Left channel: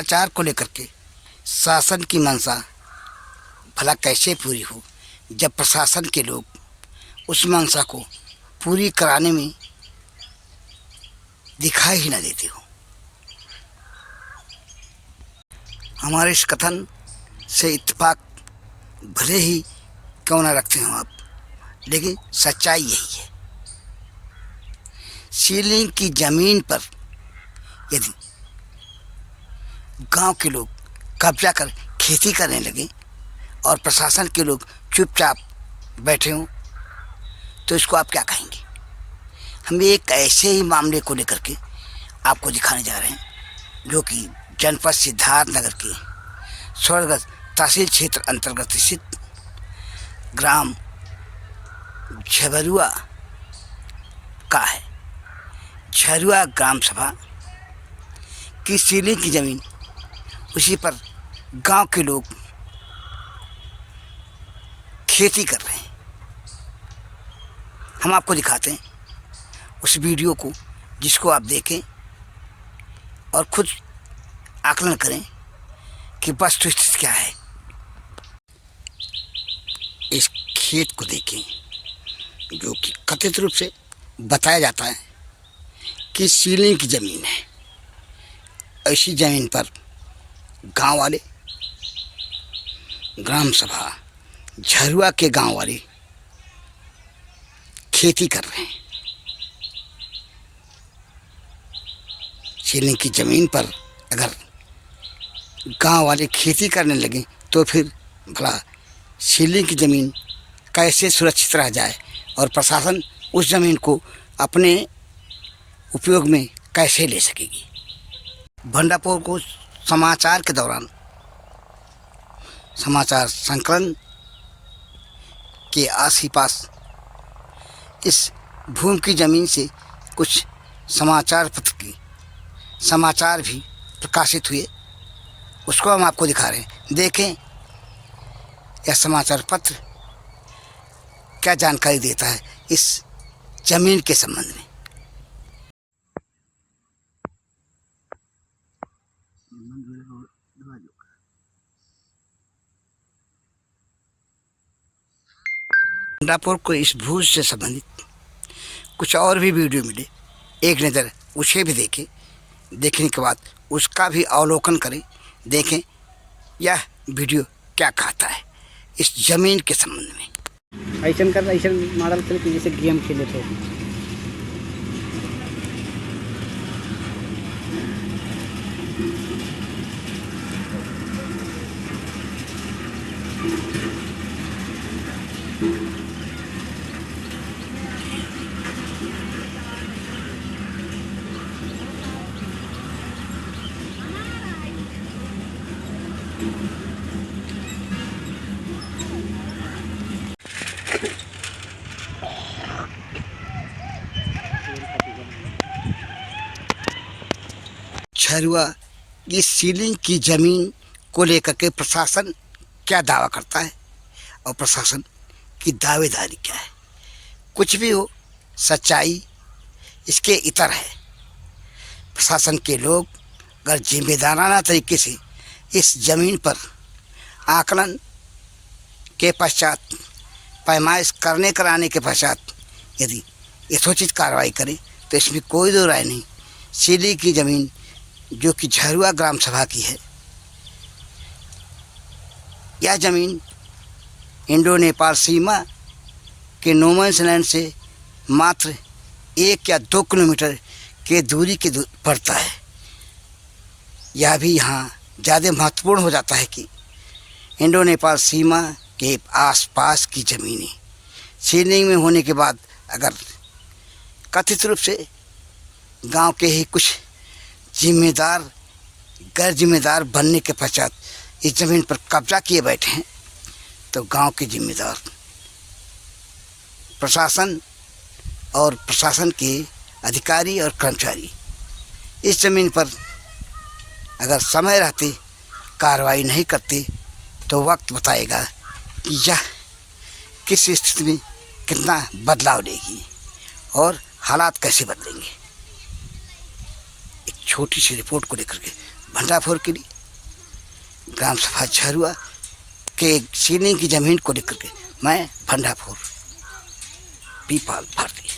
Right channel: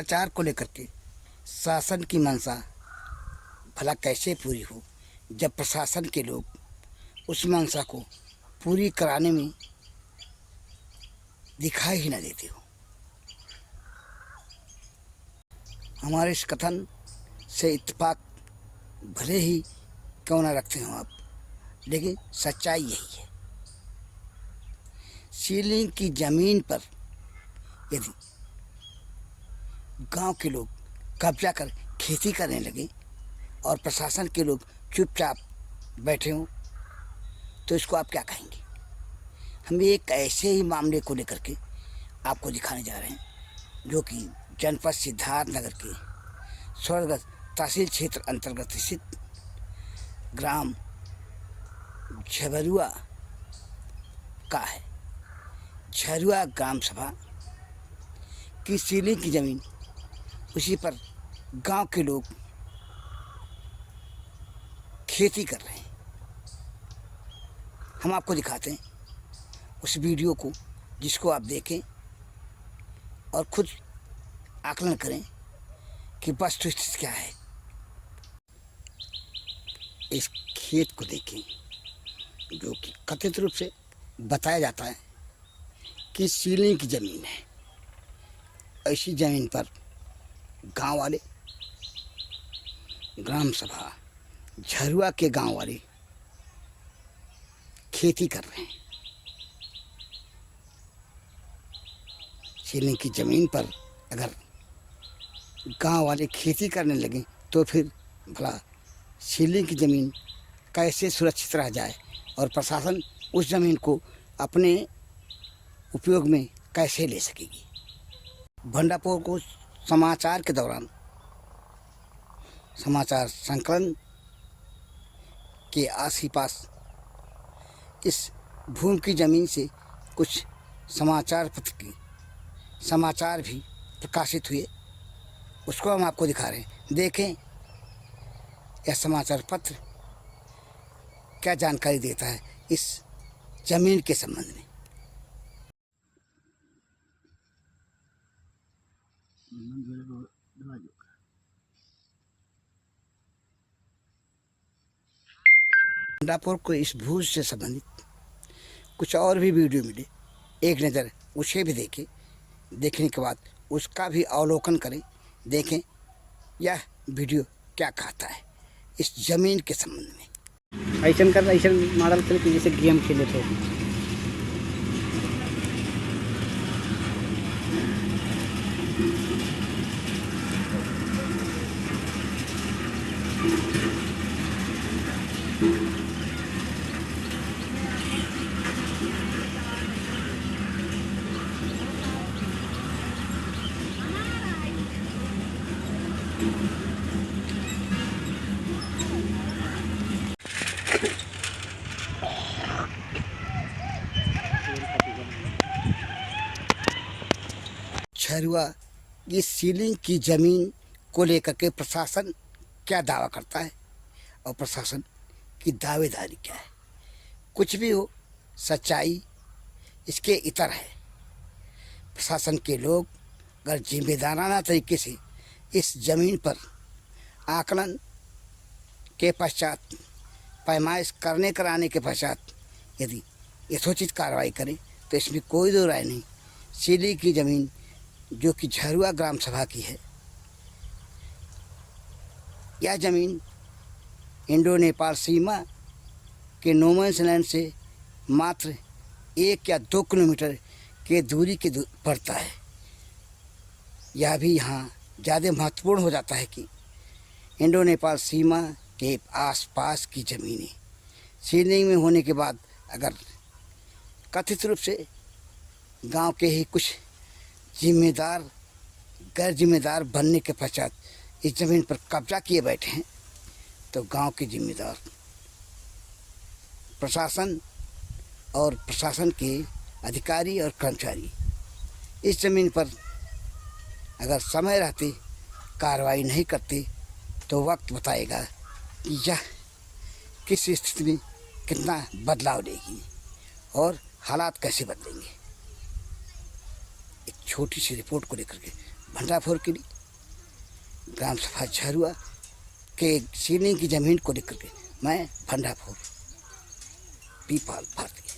भ्रष्टाचार को लेकर के शासन की मंशा भला कैसे पूरी हो जब प्रशासन के लोग उस मंशा को पूरी कराने में दिखाई ही न देते हो। हमारे इस कथन से इत्तेफाक भले ही क्यों न रखते हो आप, लेकिन सच्चाई यही है। सीलिंग की ज़मीन पर यदि गांव के लोग कब्जा कर खेती करने लगे और प्रशासन के लोग चुपचाप बैठे हों तो इसको आप क्या कहेंगे? हम एक ऐसे ही मामले को लेकर के आपको दिखाने जा रहे हैं जो कि जनपद सिद्धार्थनगर के स्वर्गत तहसील क्षेत्र अंतर्गत स्थित ग्राम झबरुआ का है। झरुआ ग्राम सभा की सीलिंग की ज़मीन, उसी पर गांव के लोग खेती कर रहे हैं। हम आपको दिखाते हैं उस वीडियो को, जिसको आप देखें और खुद आकलन करें कि वस्तुस्थिति क्या है। इस खेत को देखें जो कि कथित रूप से बताया जाता है कि सीलिंग की ज़मीन है। ऐसी ज़मीन पर गांव वाले, ग्राम सभा झरुआ के गांव वाले खेती कर रहे हैं। सीलिंग की ज़मीन पर अगर गांव वाले खेती करने लगे तो फिर भला सीलिंग की ज़मीन कैसे सुरक्षित रह जाए और प्रशासन उस ज़मीन को अपने उपयोग में कैसे ले सकेगी। भंडारपुर को समाचार के दौरान समाचार संकलन के आस ही पास इस भूमि की ज़मीन से कुछ समाचार पत्र की समाचार भी प्रकाशित हुए, उसको हम आपको दिखा रहे हैं। देखें यह समाचार पत्र क्या जानकारी देता है इस ज़मीन के संबंध में। भंडारपुर को इस भूज से संबंधित कुछ और भी वीडियो मिले, एक नज़र उसे भी देखें। देखने के बाद उसका भी अवलोकन करें, देखें यह वीडियो क्या कहता है इस ज़मीन के संबंध में। ऐसा कर ऐसा मॉडल खेल के जैसे गेम खेले थे। झरुआ की सीलिंग की ज़मीन को लेकर के प्रशासन क्या दावा करता है और प्रशासन की दावेदारी क्या है। कुछ भी हो, सच्चाई इसके इतर है। प्रशासन के लोग अगर जिम्मेदाराना तरीके से इस ज़मीन पर आकलन के पश्चात, पैमाइश करने कराने के पश्चात यदि यथोचित कार्रवाई करें तो इसमें कोई दो राय नहीं। सीलिंग की ज़मीन जो कि झरुआ ग्राम सभा की है, यह ज़मीन इंडो नेपाल सीमा के नो मैंस लैंड से मात्र 1 या 2 किलोमीटर के दूरी के पड़ता है। यह भी यहाँ ज़्यादा महत्वपूर्ण हो जाता है कि इंडो नेपाल सीमा के आसपास की ज़मीनें सीलिंग में होने के बाद अगर कथित रूप से गांव के ही कुछ जिम्मेदार गैर जिम्मेदार बनने के पश्चात इस ज़मीन पर कब्जा किए बैठे हैं तो गांव के जिम्मेदार प्रशासन और प्रशासन के अधिकारी और कर्मचारी इस ज़मीन पर अगर समय रहते कार्रवाई नहीं करते तो वक्त बताएगा कि यह किस स्थिति में कितना बदलाव लेगी और हालात कैसे बदलेंगे। एक छोटी सी रिपोर्ट को लेकर के भंडाफोर के लिए, ग्राम सभा झरुआ के सीलिंग की ज़मीन को लेकर के मैं भंडाफोर पीपाल भारती।